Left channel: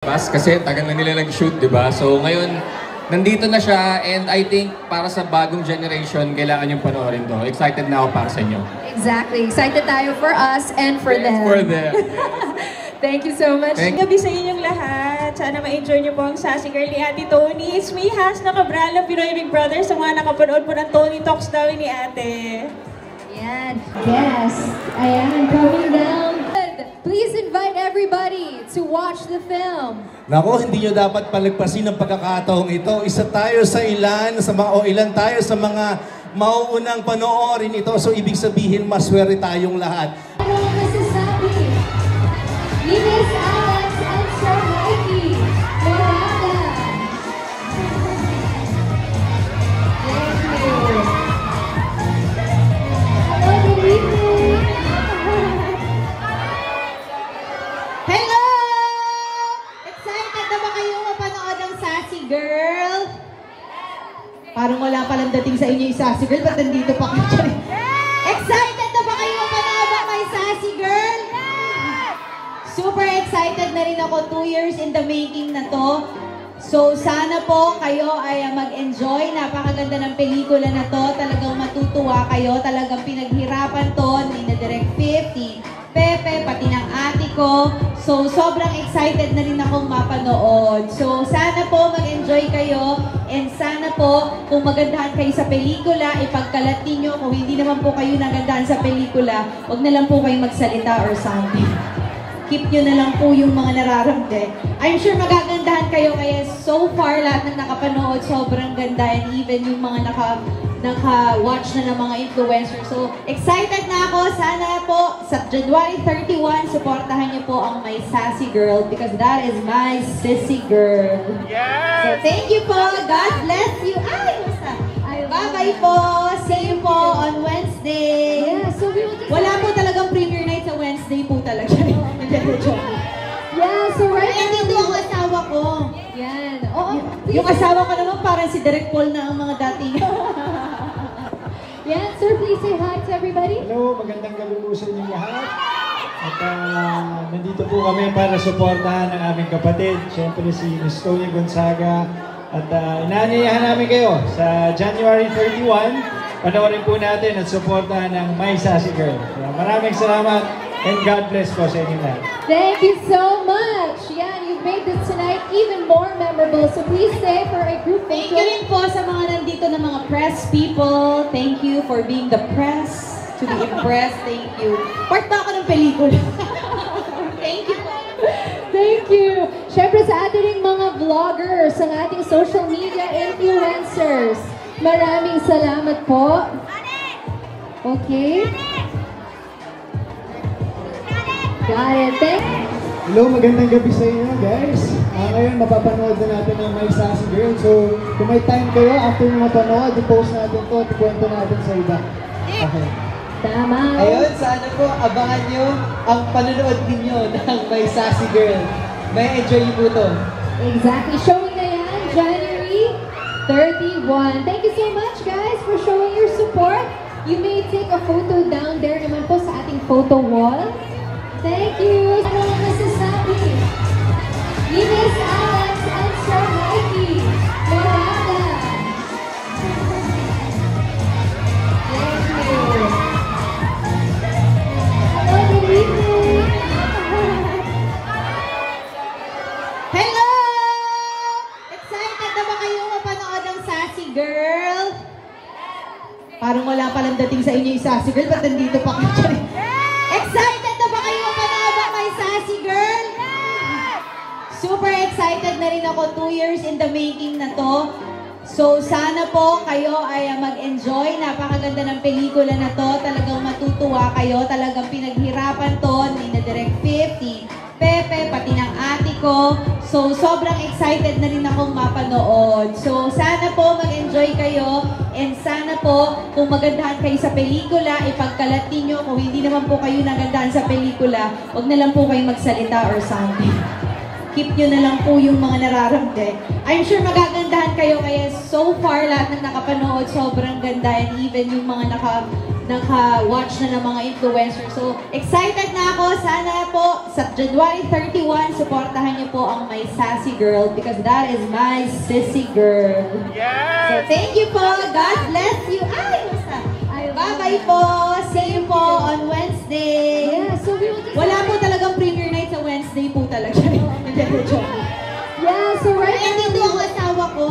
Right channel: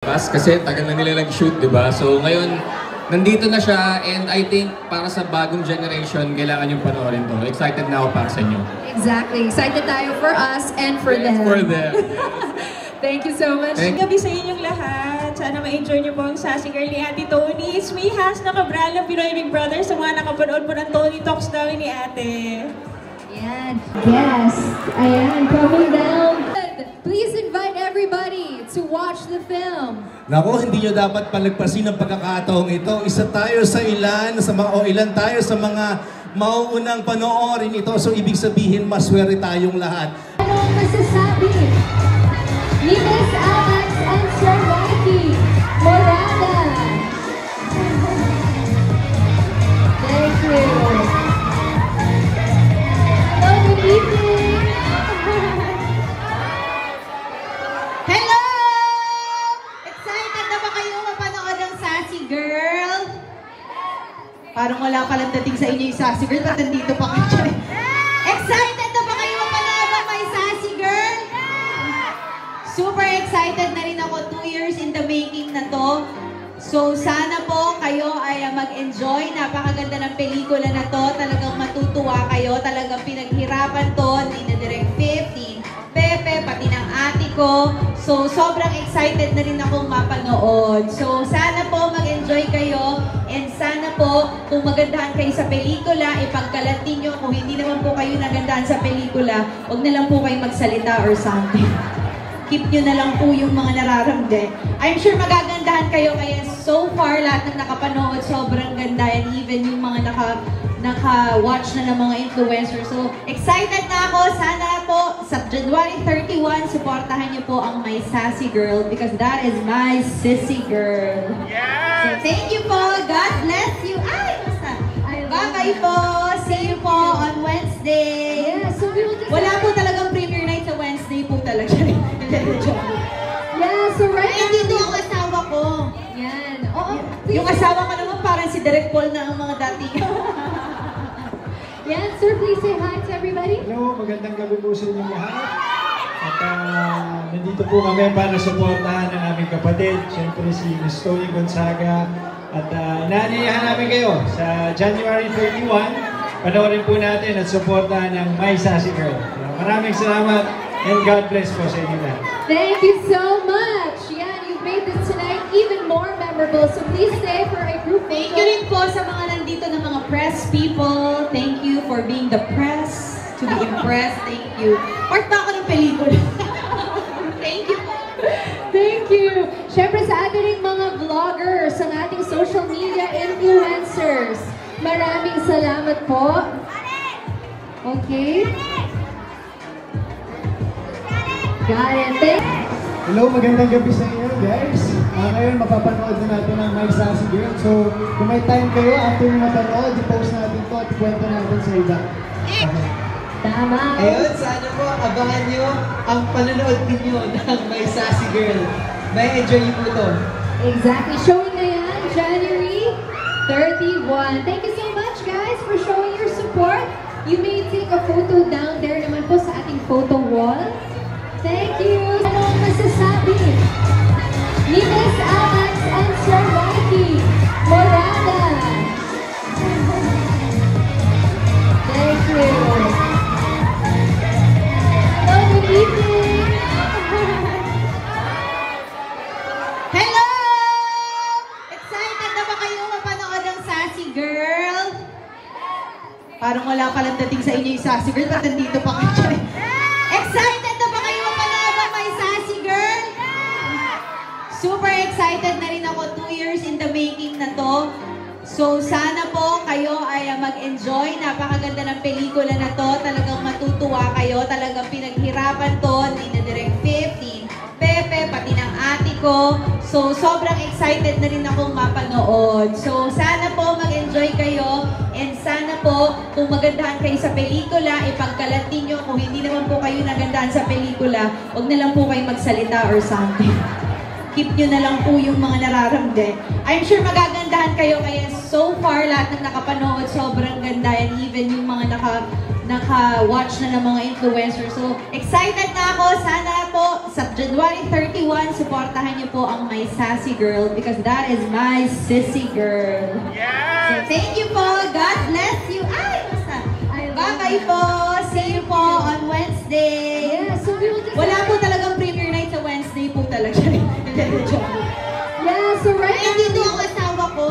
Kasi tagal na nila nag-shoot, di ba? So ngayon, nandito na siya and I think para sa bagong generation, kailangan yung panoorin to. Excited na ako para sa inyo. Exactly. Excited tayo for us and for them. For them. Thank you so much. Gabi sa inyong lahat. Sana ma-enjoy niyo po ang Sassy Girl ni Ate Tony. It's me, Hasna Cabral ng Pinoy Big Brother. Sa mga nakapanood po ng Tony Talks daw ni Ate. Yan. Yes. Ayan. Coming down. Please invite everybody to watch the film. Nako, hindi nyo dapat palagpasin ang pagkakataong ito. Isa tayo sa ilan, ilan tayo sa mga mauunang panoorin ito. So, ibig sabihin, maswerte tayong lahat. Hello, Mrs. Happy. Linis Alex and Sir Mikey. Miranda. Thank you. Hello, good evening. Hello! Excited na ba kayong mapanood ng Sassy Girl? Parang wala palang dating sa inyo yung Sassy Girl, ba't nandito pa kayo? Excited na ba kayong mapanood ng my Sassy Girl? Super excited na rin ako, 2 years in the making na to. So sana po kayo ay mag-enjoy. Napakaganda ng pelikula na to. Talagang matutuwa kayo. Talagang pinaghirapan to ni na Direk 50, Pepe, pati ng ate ko. So sobrang excited na rin akong mapanood. So sana po mag-enjoy kayo. And sana po kung magandahan kayo sa pelikula, ipagkalat ninyo. Kung hindi naman po kayo nagandahan sa pelikula, huwag na lang po kayong magsalita or something. Keep nyo na lang po yung mga nararamdaman. I'm sure magagandahan kayo kaya so far lahat ng nakapanood sobrang ganda and even yung mga naka-watch na ng mga influencers. So excited na ako. Sana po sa January 31, supportahan niyo po ang My Sassy Girl because that is my sissy girl. Yes! So thank you po. God bless you. Ay! Bye-bye po. See you po on Wednesday. Yeah, so we will Wala po talagang premiere night sa Wednesday po talaga. Yeah, so right now, dito ang asawa ko. yan. Oh, Yung asawa ko naman parang si Direk Paul na ang mga dati. yan, sir, please say hi to everybody. Hello, magandang gabi po sa inyo lahat. At nandito po kami para suportahan ang aming kapatid, siyempre si Miss Tony Gonzaga. At inaanyayahan namin kayo sa January 31, panoorin po natin at suportahan ng My Sassy Girl. Maraming salamat. And God bless po sa inyo lahat. Thank you so much. Yan, you made this tonight even more memorable. So please stay for a group Thank photo. you rin po sa mga nandito na mga press people. Thank you for being the press. To be impressed. Thank you. Part ba ako ng pelikula? Thank you po. Thank you. Siyempre sa ating mga vloggers, ang ating social media influencers. Maraming salamat po. Okay. Got it. Hello, magandang gabi sa inyo guys. Ngayon mapapanood na natin ang My Sassy Girl. So kung may time kayo, after mapanood, i-post natin to at ikwento natin sa iba. Okay. Tama. Ayun, sana po abangan nyo ang panonood ninyo ng My Sassy Girl. May enjoy po to. Exactly. Showing na yan, January 31. Thank you so much guys for showing your support. You may take a photo down there naman po sa ating photo wall. Thank you. Hello, Mrs. Happy. Linis Alex and Sir Mikey. Miranda. Thank you. Hello, good evening. Hello! Excited na ba kayong mapanood ng Sassy Girl? Parang wala palang dating sa inyo yung Sassy Girl, ba't nandito pa kayo? Excited na ba kayong mapanood ng my Sassy Girl? Super excited na rin ako, 2 years in the making na to. So sana po kayo ay mag-enjoy. Napakaganda ng pelikula na to. Talagang matutuwa kayo. Talagang pinaghirapan to ni na Direk 50, Pepe, pati ng ate ko. So sobrang excited na rin akong mapanood. So sana po mag-enjoy kayo. And sana po kung magandahan kayo sa pelikula, ipagkalat ninyo. Kung hindi naman po kayo nagandahan sa pelikula, huwag na lang po kayong magsalita or something. keep nyo na lang po yung mga nararamdaman. I'm sure magagandahan kayo, kaya so far lahat ng nakapanood, sobrang ganda, and even yung mga naka-watch na ng mga influencers. So, excited na ako. Sana po sa January 31, supportahan niyo po ang My Sassy Girl because that is my sissy girl. So, thank you po. God bless you. Ay! Bye-bye po. See you po on Wednesday. Yeah, so we will Wala po talagang premiere night sa Wednesday po talaga. Yeah, so right Kaya now, dito yung asawa ko.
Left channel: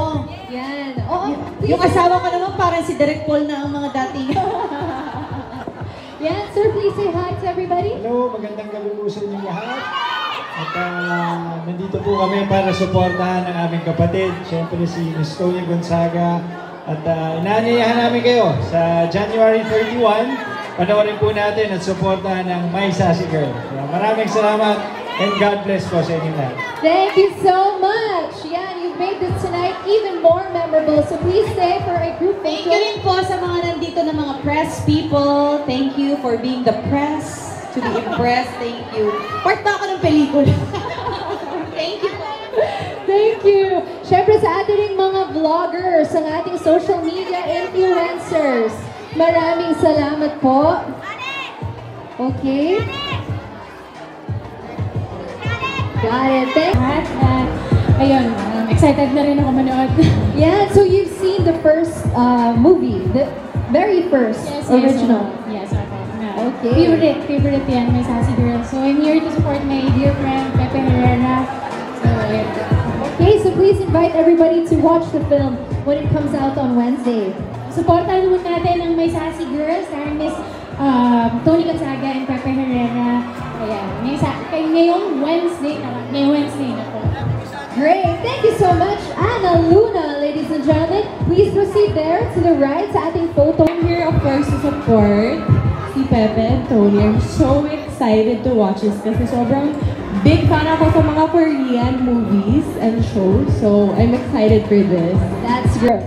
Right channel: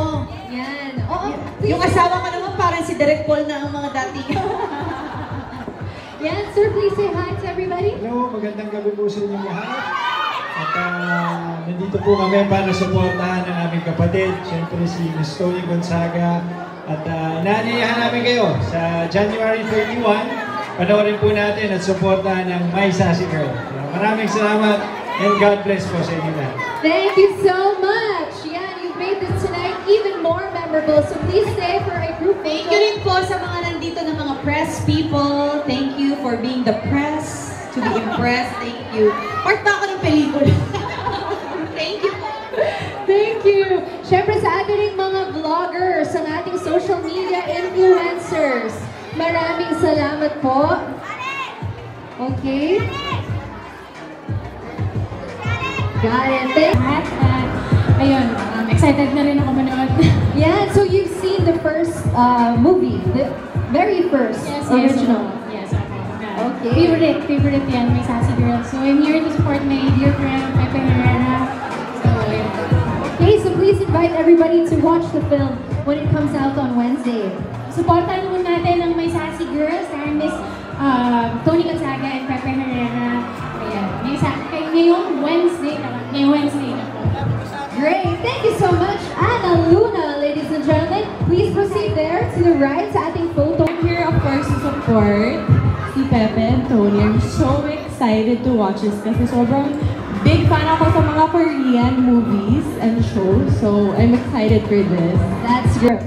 yan. Oo, Yung asawa ko naman parang si Direk Paul na ang mga dati. yeah, sir, please say hi to everybody. Hello, magandang gabi po sa inyo lahat. At nandito po kami para suportahan ang aming kapatid, siyempre si Miss Tony Gonzaga. At inaanyayahan namin kayo sa January 31, panoorin po natin at suportahan ng My Sassy Girl. Maraming salamat and God bless po sa inyo lahat. Thank you so much. Yeah, you made this tonight even more memorable. So please stay for a group Thank photo. you rin po sa mga nandito na mga press people. Thank you for being the press. To be impressed. Thank you. Part ba ako ng pelikula? Thank you po. Thank you. Siyempre sa ating mga vloggers, ang ating social media influencers. Maraming salamat po. Okay. Got it. Ayun, excited na rin ako manood. Yeah, so you've seen the first movie, the very first original. Yes. Okay. Favorite yan, My Sassy Girl. So I'm here to support my dear friend, Pepe Herrera. So, yeah. Okay, so please invite everybody to watch the film when it comes out on Wednesday. Supportan mo natin ang My Sassy Girl, starring Miss Tony Gonzaga and Pepe Herrera. Ayan, ngayong Wednesday na po. Great, thank you so much, Ana Luna, ladies and gentlemen. Please proceed there to the right sa ating photo. I'm here, of course, to support si Pepe and Tony. I'm so excited to watch this kasi sobrang big fan ako sa mga Korean movies and shows. So, I'm excited for this. That's great.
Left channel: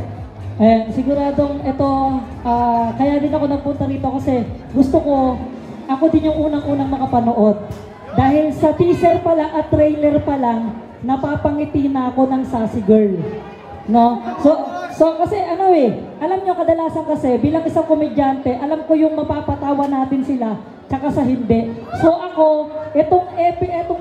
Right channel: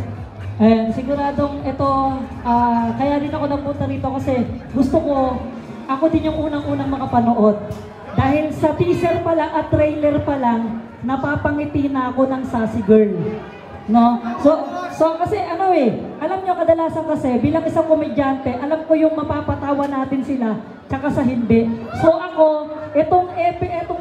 Siguradong ito, kaya din ako napunta rito kasi gusto ko, ako din yung unang-unang makapanood. Dahil sa teaser pa lang at trailer pa lang, napapangiti na ako ng Sassy Girl. No? So kasi alam nyo kadalasan kasi bilang isang komedyante, alam ko yung mapapatawa natin sila, tsaka sa hindi. So ako, itong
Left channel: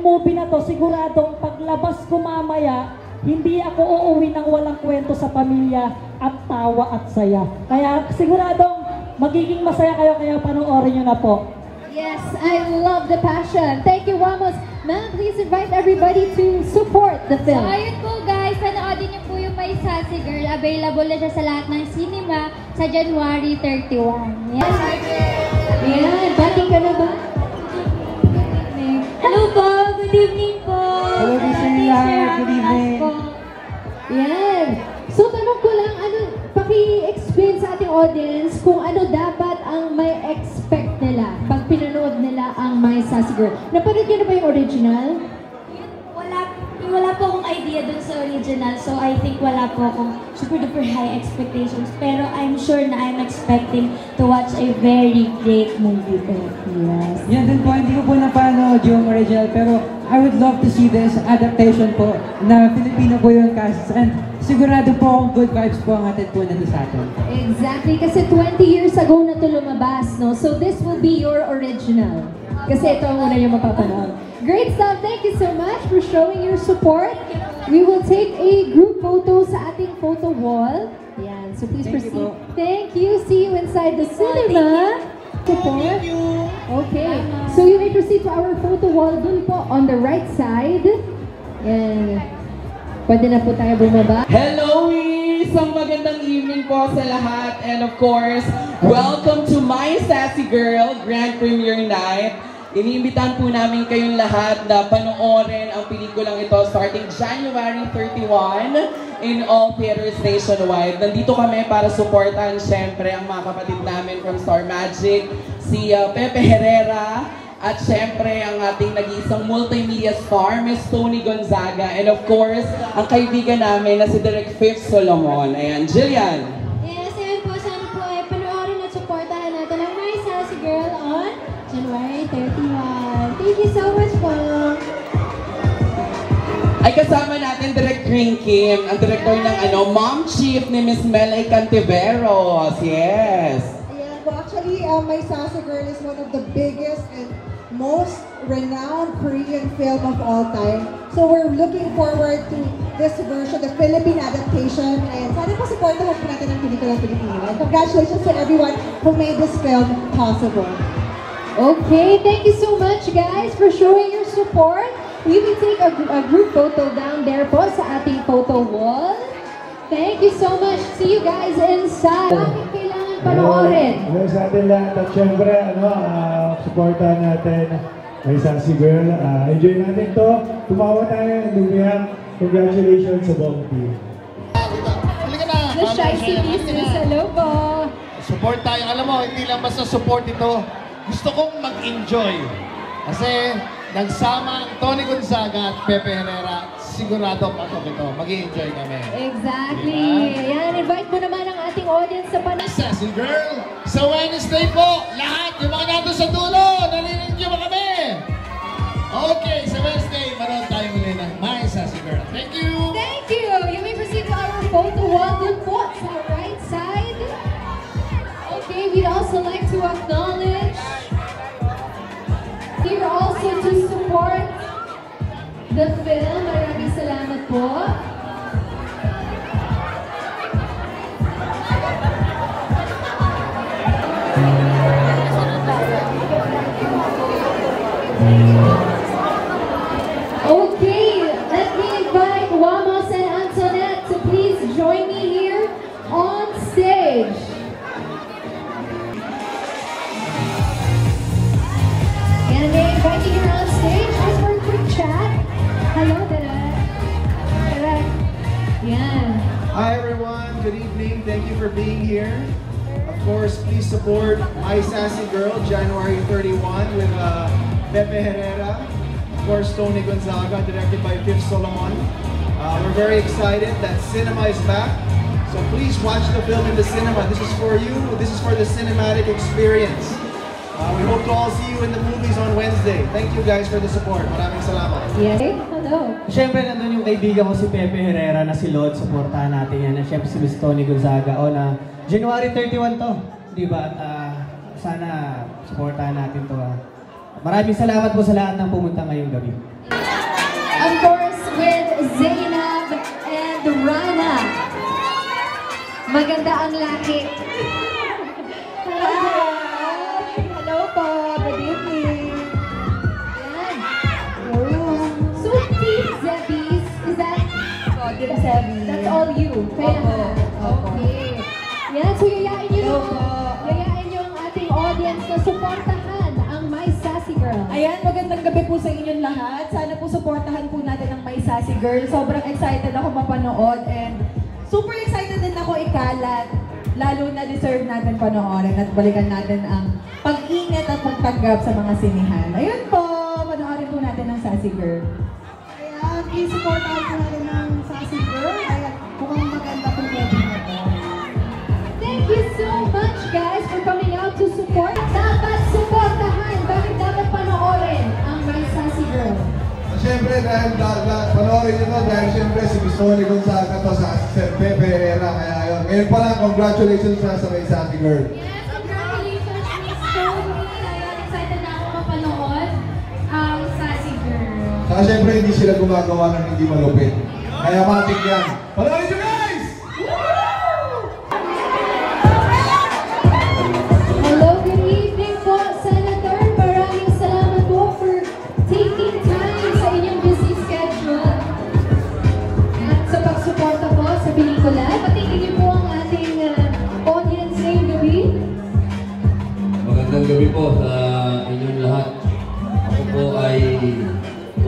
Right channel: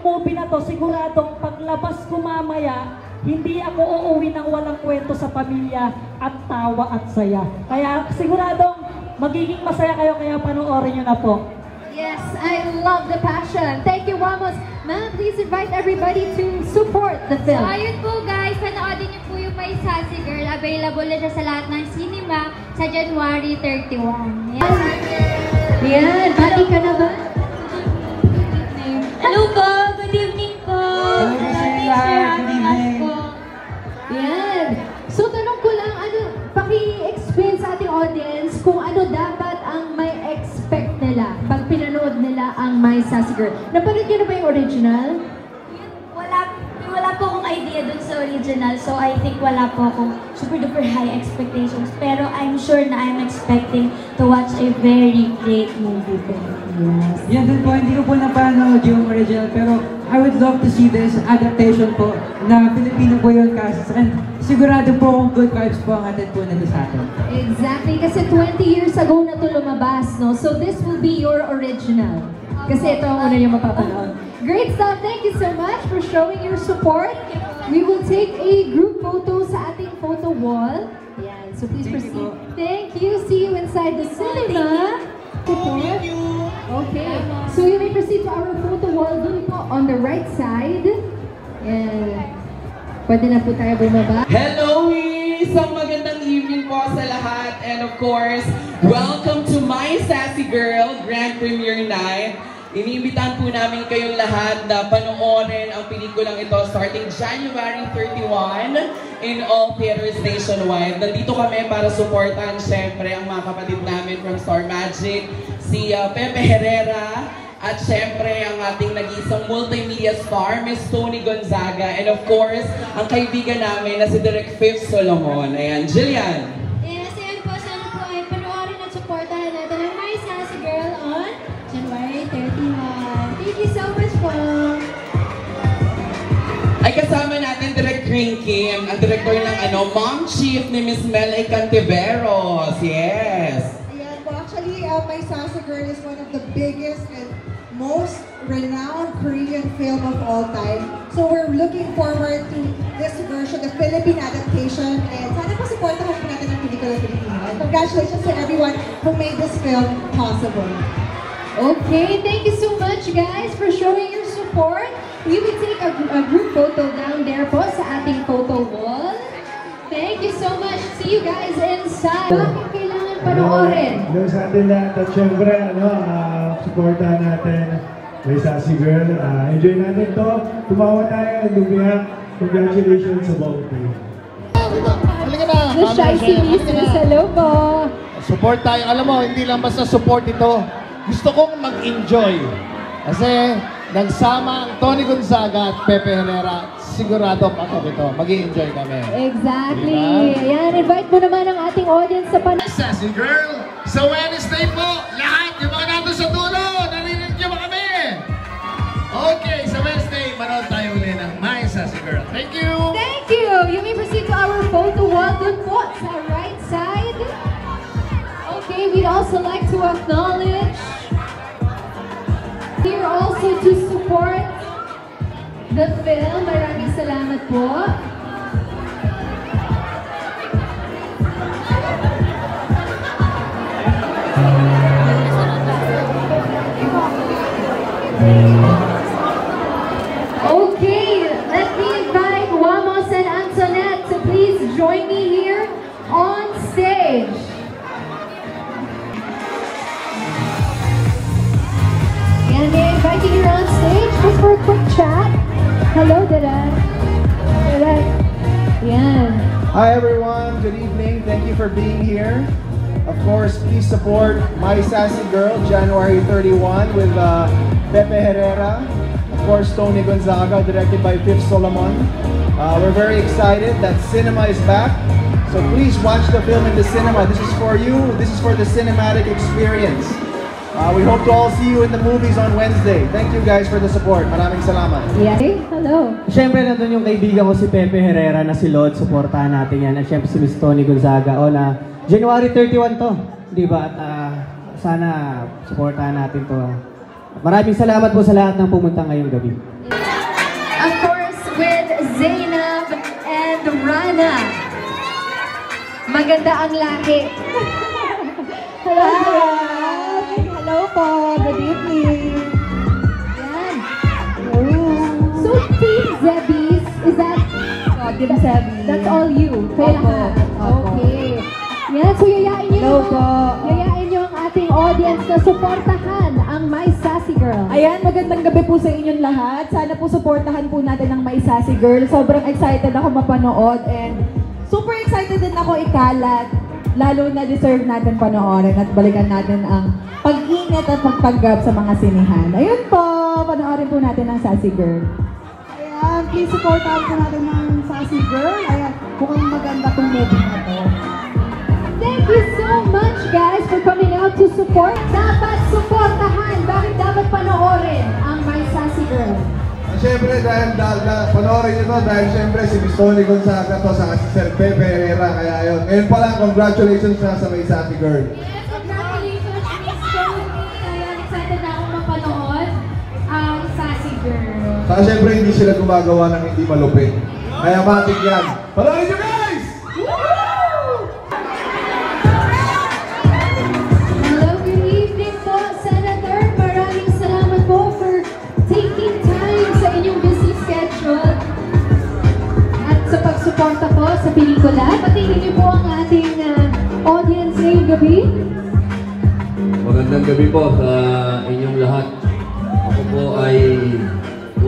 movie na to, siguradong paglabas ko mamaya, hindi ako uuwi ng walang kwento sa pamilya at tawa at saya. Kaya siguradong magiging masaya kayo, kaya panoorin nyo na po. Yes, I love the passion. Thank you, Ramos. Ma'am, please invite everybody to support the So film. ayun po guys, panoodin niyo po yung My Sassy Girl. Available na siya sa lahat ng cinema sa January 31. Yes. Yan, pati ka na ba? Hello po! Good evening po! Hello, Miss Riyar. Good evening. Yan. So, tanong ko lang, paki-explain sa ating audience kung ano dapat ang may expect nila pag pinanood nila ang My Sassy Girl. Napanood niyo na ba yung original? Wala po akong idea dun sa original, so I think wala po akong super duper high expectations. Pero I'm sure na I'm expecting to watch a very great movie po. Yes. Yan din po, hindi ko po napanood yung original, pero I would love to see this adaptation po na Filipino po yung cast. And sigurado po akong good vibes po ang atin po nito sa atin. Exactly, kasi 20 years ago na ito lumabas, no? So this will be your original. Kasi ito ang una yung mapapanood. Great stuff! Thank you so much for showing your support. We will take a group photo sa ating photo wall. Yan, so please proceed. Thank you. See you inside the cinema. Thank you. Okay, so you may proceed to our photo wall dun po on the right side. And pwede na po tayo bumaba. Hello, isang magandang evening po sa lahat. And of course, welcome to My Sassy Girl Grand Premiere Night. Iniimbitahan po namin kayong lahat na panoorin ang pelikulang ito starting January 31 in all theaters nationwide. Nandito kami para supportan syempre ang mga kapatid namin from Star Magic, si Pepe Herrera, at syempre ang ating nag-iisang multimedia star, Miss Tony Gonzaga, and of course, ang kaibigan namin na si Direk Fifth Solomon. Ayan, Jillian. Yes, ayun po, sana po ay panoorin at supportahan natin ang My Sassy Girl on January 31. Thank you so much po! kasama natin Direk Kim, ang director ng Mom Chief ni Miss Melay Cantiveros. Yes. Yeah, well, actually, My Sassy Girl is one of the biggest and most renowned Korean film of all time. So we're looking forward to this version, the Philippine adaptation. And sana po supportan natin ang pelikula Pilipino. And congratulations to everyone who made this film possible. Okay, thank you so much guys for showing your support. You can take a group photo down there po sa ating photo wall. Thank you so much. See you guys inside. Bakit kailangan panoorin? Sa atin lahat at syempre, supportahan natin My Sassy Girl. Enjoy natin to. Tumawa tayo. Congratulations sa buong team. The Shy Sisters, hello po. Support tayo. Alam mo, hindi lang basta support ito. Gusto kong mag-enjoy. Kasi nagsama ang Tony Gonzaga at Pepe Herrera. Sigurado ako ito. Mag-i-enjoy kami. Exactly. Ayan, invite mo naman ang ating audience sa panahon. Sassy Girl, sa Wednesday po, lahat yung mga nandun sa dulo, narinig nyo ba kami? Okay, sa Wednesday, manood tayo ulit ng My Sassy Girl. Thank you! Thank you! You may proceed to our photo wall dun po sa right side. Okay, we'd also like to acknowledge here also to support the film. Maraming salamat po. Okay, let me invite Wamos and Antoinette to please join me here on stage. And they're inviting you on stage just for a quick chat. Hello, Direk. Direk. Yan. Hi everyone, good evening. Thank you for being here. Of course, please support My Sassy Girl, January 31 with Pepe Herrera. Of course, Tony Gonzaga, directed by Fifth Solomon. We're very excited that cinema is back. So please watch the film in the cinema. This is for you. This is for the cinematic experience. We hope to all see you in the movies on Wednesday. Thank you guys for the support. Maraming salamat. Yes. Hello. Siyempre, nandun yung kaibigan ko si Pepe Herrera na si Lord. Supportahan natin yan. At siyempre si Miss Tony Gonzaga. Na January 31 to. Di ba? Sana supportahan natin to. Maraming salamat po sa lahat ng pumunta ngayong gabi. Of course, with Zainab and Rana. Maganda ang lahi. Hello. Hello po. Good evening. So, Team Zebbies, is that? Team Zebbies. That's all you. Kaya nga. Okay. Yan, so yayain nyo ang ating audience na supportahan ang My Sassy Girl. Ayan, magandang gabi po sa inyong lahat. Sana po supportahan po natin ang My Sassy Girl. Sobrang excited ako mapanood and super excited din ako ikalat. Lalo na deserve natin panoorin at balikan natin ang pag-ingat at magpanggap sa mga sinihan. Ayun po, panoorin po natin ang Sassy Girl. Ayan, please supportahan po natin ang Sassy Girl. Ayan, mukhang maganda pong movie na to. Thank you so much guys for coming out to support. Dapat supportahan. Bakit dapat panoorin ang My Sassy Girl? Siyempre, dahil panoorin nyo to, dahil siyempre si Miss Tony Gonzaga to sa si Pepe Herrera. Kaya yun. Ngayon pa lang, congratulations na sa My Sassy Girl. Yes, congratulations, Miss Tony. Ayun, excited na ako mapanood ang Sassy Girl. Saka siyempre, hindi sila gumagawa ng hindi malupit. Kaya matik yan. Panoorin nyo guys! Hello, good evening po, Senator. Maraming salamat po for taking time sa inyong busy schedule at sa pagsuporta po sa pelikula. Patingin niyo po ang ating audience ngayong gabi. Magandang gabi po sa inyong lahat. Ako po ay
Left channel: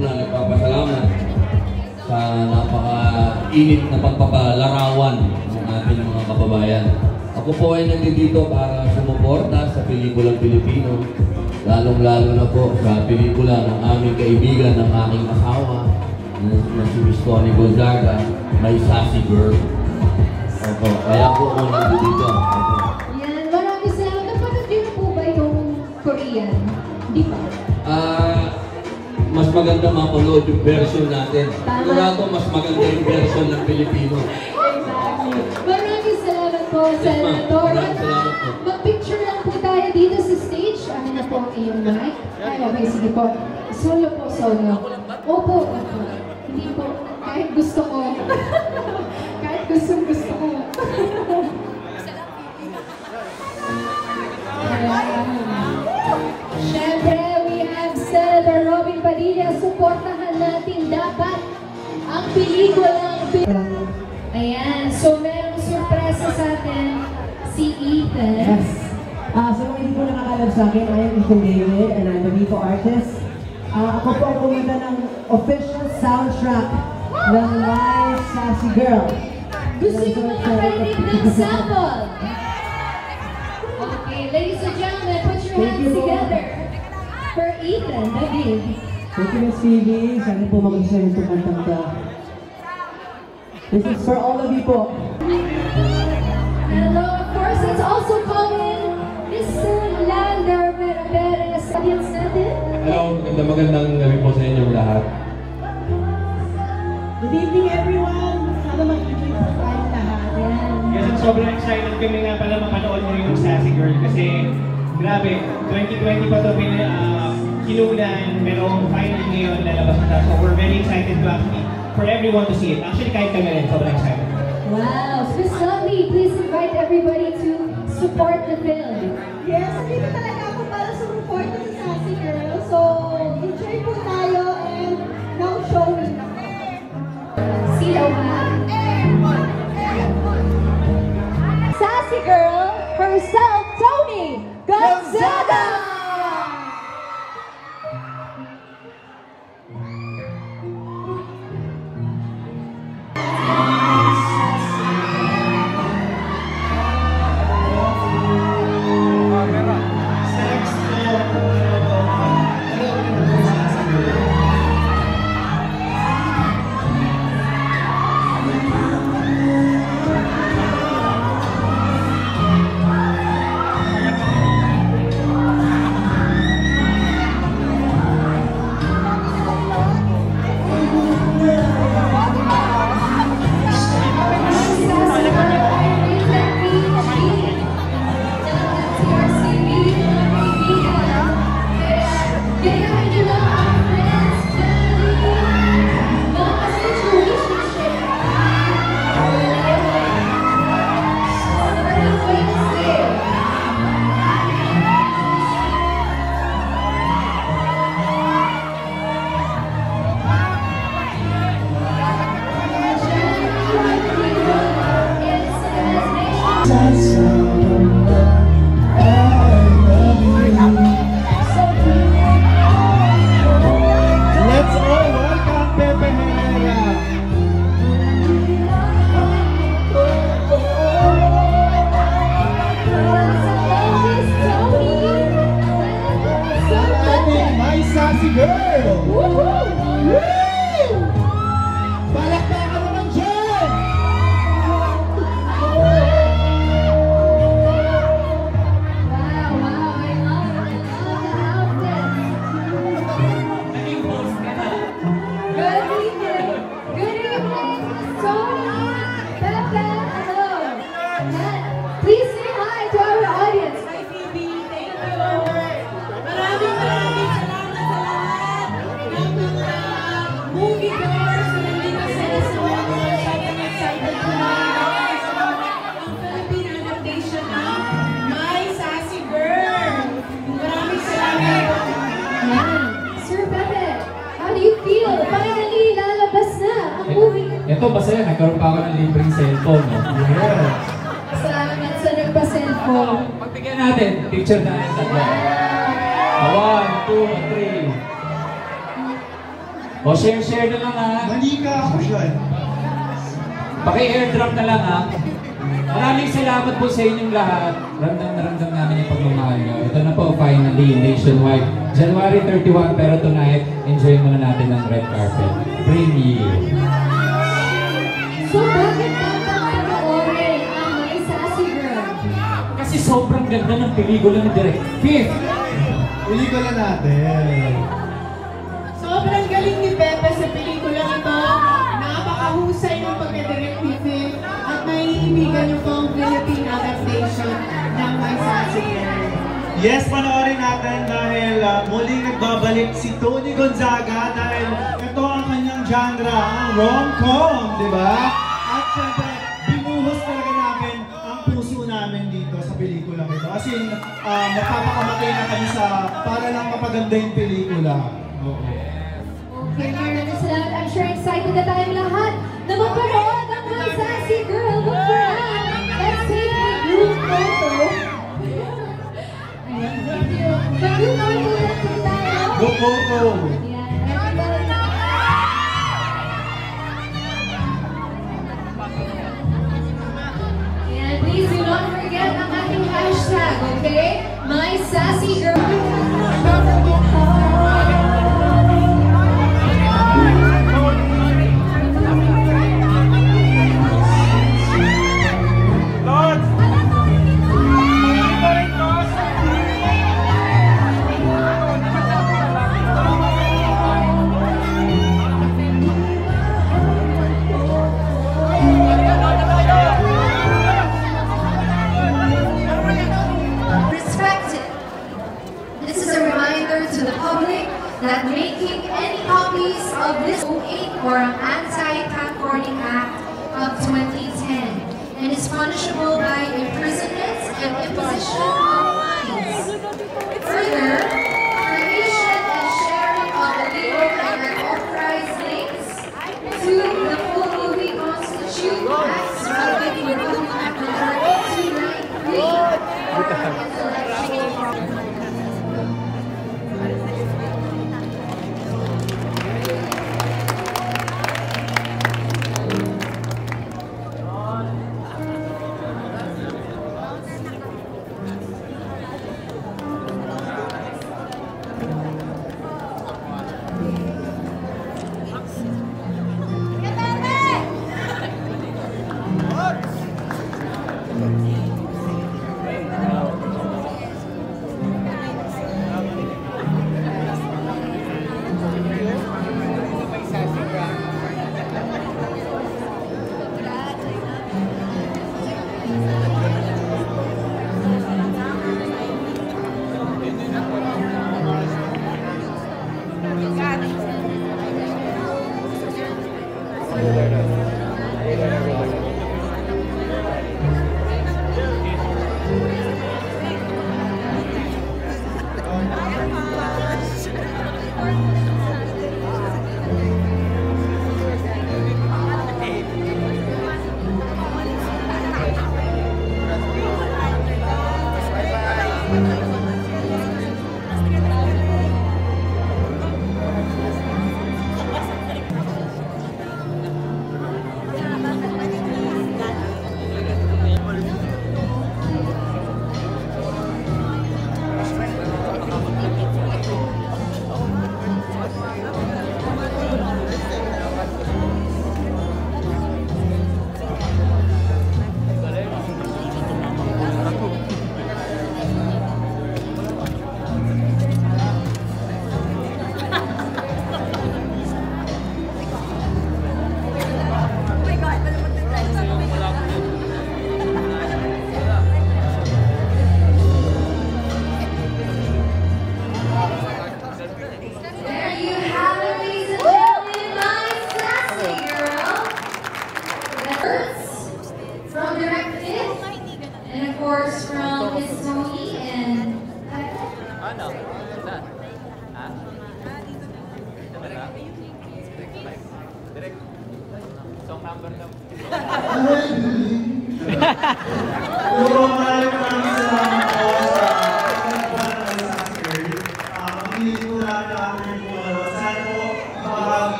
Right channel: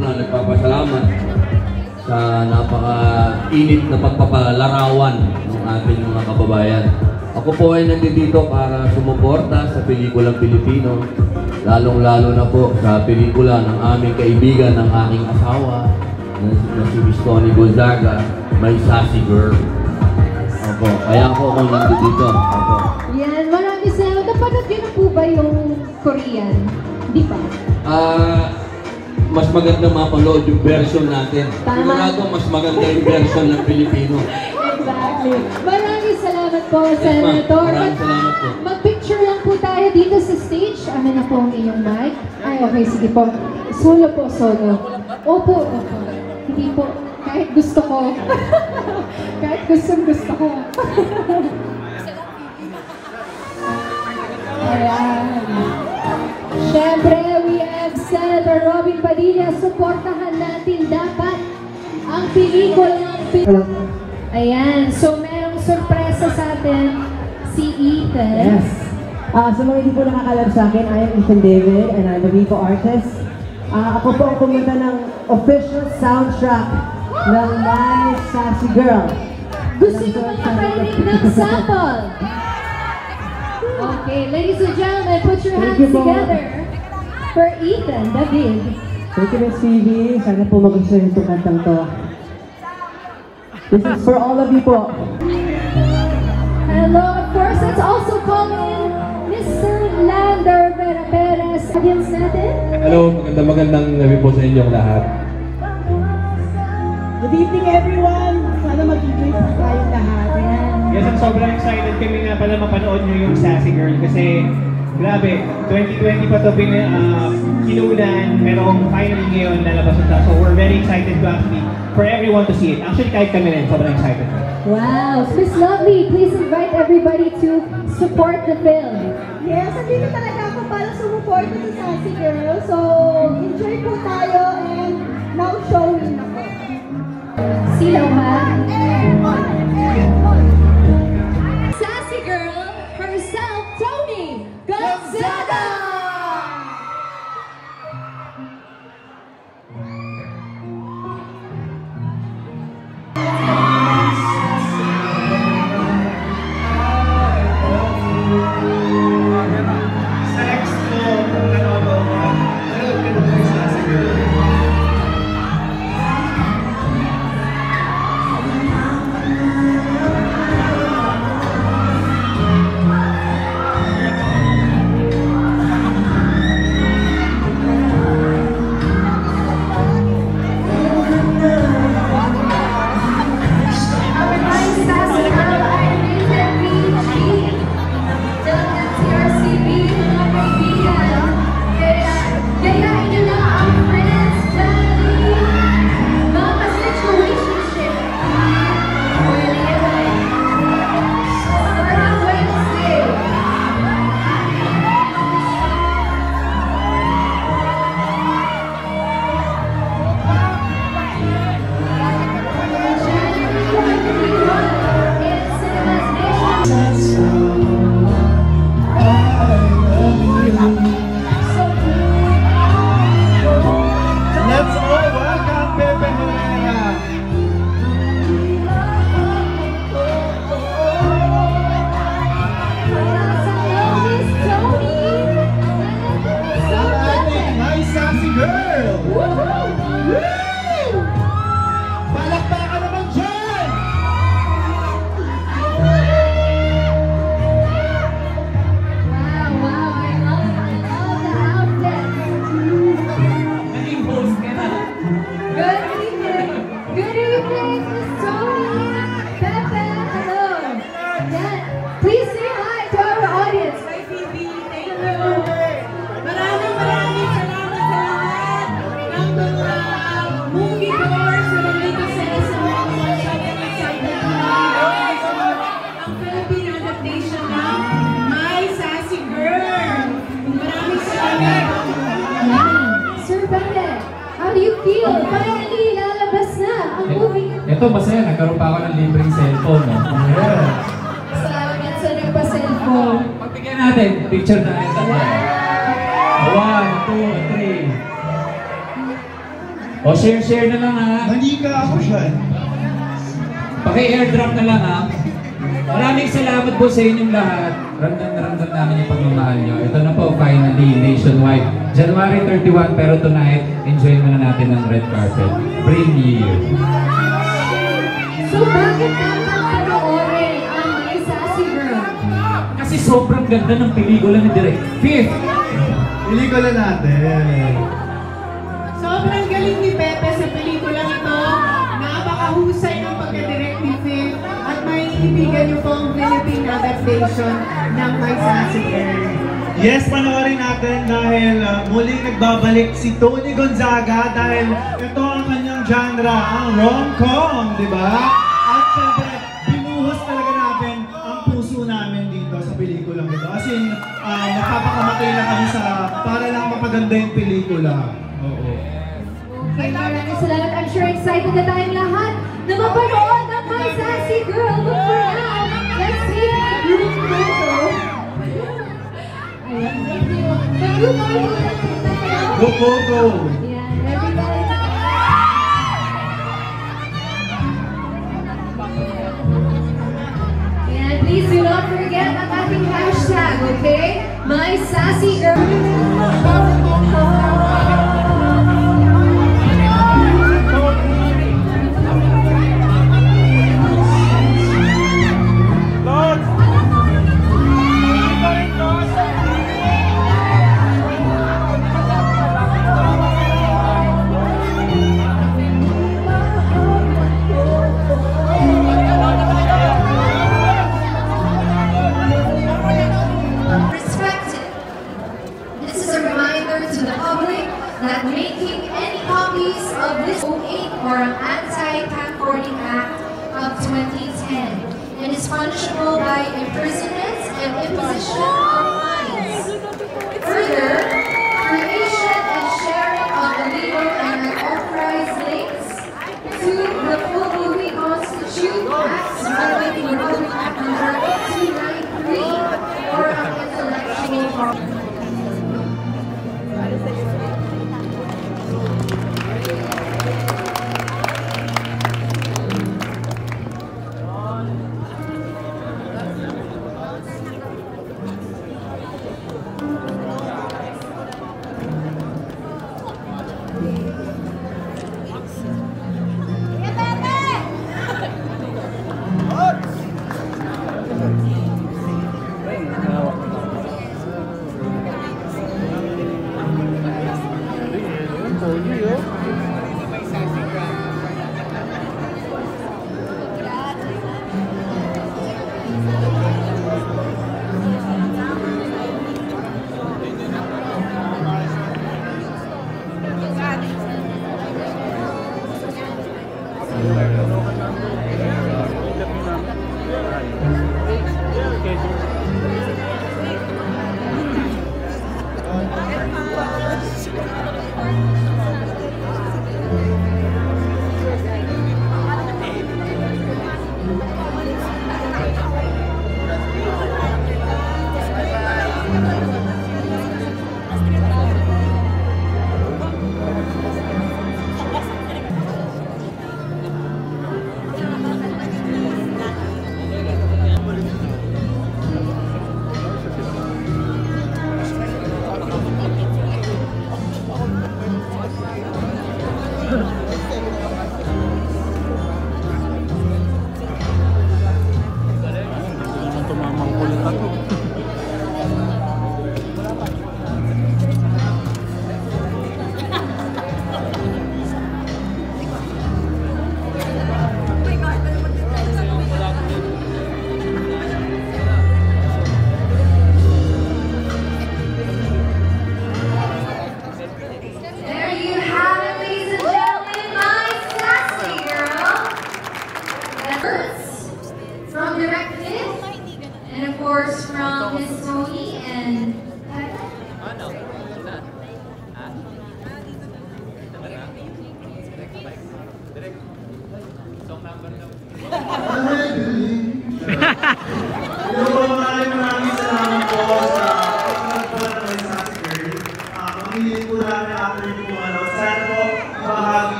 nagpapasalamat sa napaka-init na pagpapalarawan ng ating mga kababayan. Ako po ay nandito para sumuporta sa pelikulang Pilipino, lalong-lalo na po sa pelikula ng aming kaibigan, ng aking asawa, na si Miss Tony Gonzaga, My Sassy Girl. Opo, kaya po ako nandito. Opo. Yan, maraming salamat. Napanood niyo na po ba yung Korean? Di ba? mas magandang mapanood yung version natin. Tama. Siguradong mas maganda yung version ng Pilipino. Exactly. Maraming salamat po, Senator. Maraming salamat po. Mag-picture lang po tayo dito sa stage. Amin na po ang iyong mic. Ay, okay, sige po. Solo po, solo. Opo. Hindi po. Kahit gusto ko. Kahit gusto ko. Ayan. Siyempre, we have Senator Robin Padilla. Supportahan natin dapat ang pelikulang Ayan. So, merong sorpresa sa atin si Ethan. Yes. Sa mga hindi po nakakalam sa akin, I am Ethan David and I'm a Vivo artist. Ako po ang kumanta ng official soundtrack ng My Sassy Girl. Gusto nyo mga parinig ng sample? Okay, ladies and gentlemen, put your hands together for Ethan David. Thank you, Miss Phoebe. Sana po magustuhan itong kantang to. This is for all of you po. Hello, of course, let's also call in Mr. Lander Perez. Audience natin. Hello, magandang gabi po sa inyong lahat. Good evening, everyone. Sana mag-enjoy po tayong lahat. Yes, at sobrang excited kami nga pala mapanood mo yung Sassy Girl kasi grabe, 2020 pa ito kinulan, merong finally ngayon nalabas ito. So we're very excited to actually for everyone to see it. Actually, kahit kami rin, sobrang excited. Wow, Miss Lovely, please invite everybody to support the film. Yes, hindi talaga ako para support sa Sassy Girl. So, enjoy po tayo and now showing. Sila ha? Sassy Girl herself, Tony Gonzaga! Ito, masaya. Nagkaroon pa ako ng libreng cellphone. No? Salamat sa nagpa-cellphone. Pagbigyan natin. Picture na. 1, 2, 3. O, share na lang ha. Mali ka ako siya. Paki-airdrop na lang ha. Maraming salamat po sa inyong lahat. Ramdam na ramdam namin yung pagmamahal nyo. Ito na po, finally, nationwide. January 31, pero tonight, enjoy muna natin ng red carpet. Bring you. So, bakit naman panoorin ang My Sassy Girl? Kasi sobrang ganda ng pelikula ni Direk. Fifth! Pelikula natin. Sobrang Mahusay ng pagka-directive at maiibigan niyo po ang Philippine adaptation ng My Sassy Girl. Yes, panoorin natin dahil muling nagbabalik si Tony Gonzaga dahil ito ang kanyang genre, ang rom-com, di ba? At syempre, binuhos talaga namin ang puso namin dito sa pelikulang ito. As in, magpapakamatay na kami para lang mapaganda yung pelikula. Oo. Okay, maraming salamat. I'm sure excited na tayong lahat na mapanood ang My Sassy Girl. But for now, let's take a group photo. Go, go, go! And please do not forget ang ating hashtag, okay? My Sassy Girl. That making any copies of this 08 or an Anti-Camcording Act of 2010 and is punishable by imprisonment and imposition of fines. Further, creation and sharing of illegal and unauthorized links to the full movie constitute acts violating the Republic Act number 293 or on intellectual property.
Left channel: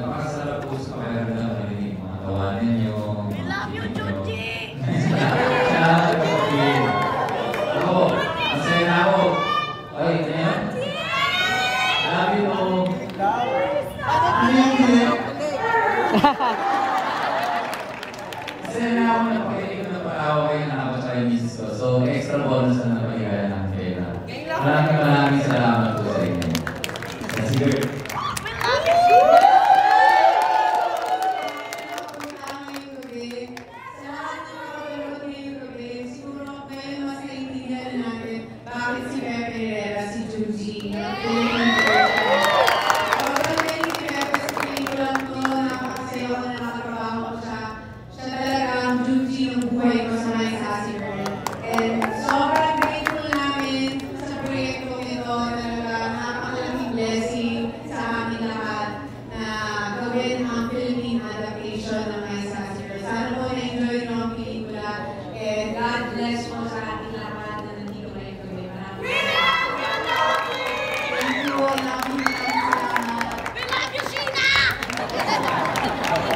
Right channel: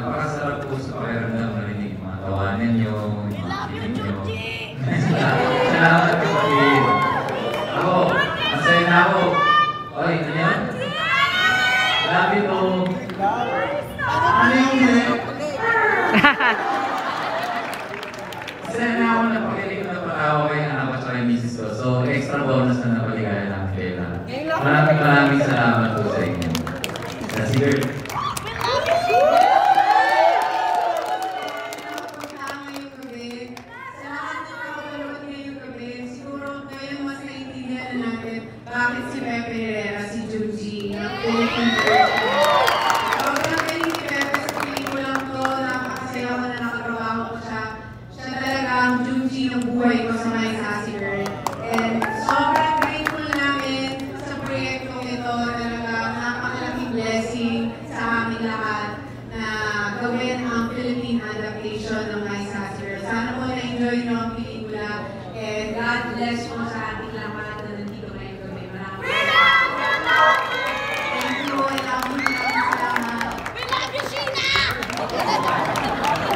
Napakasarap po sa bakit si Pepe Herrera, si Juji,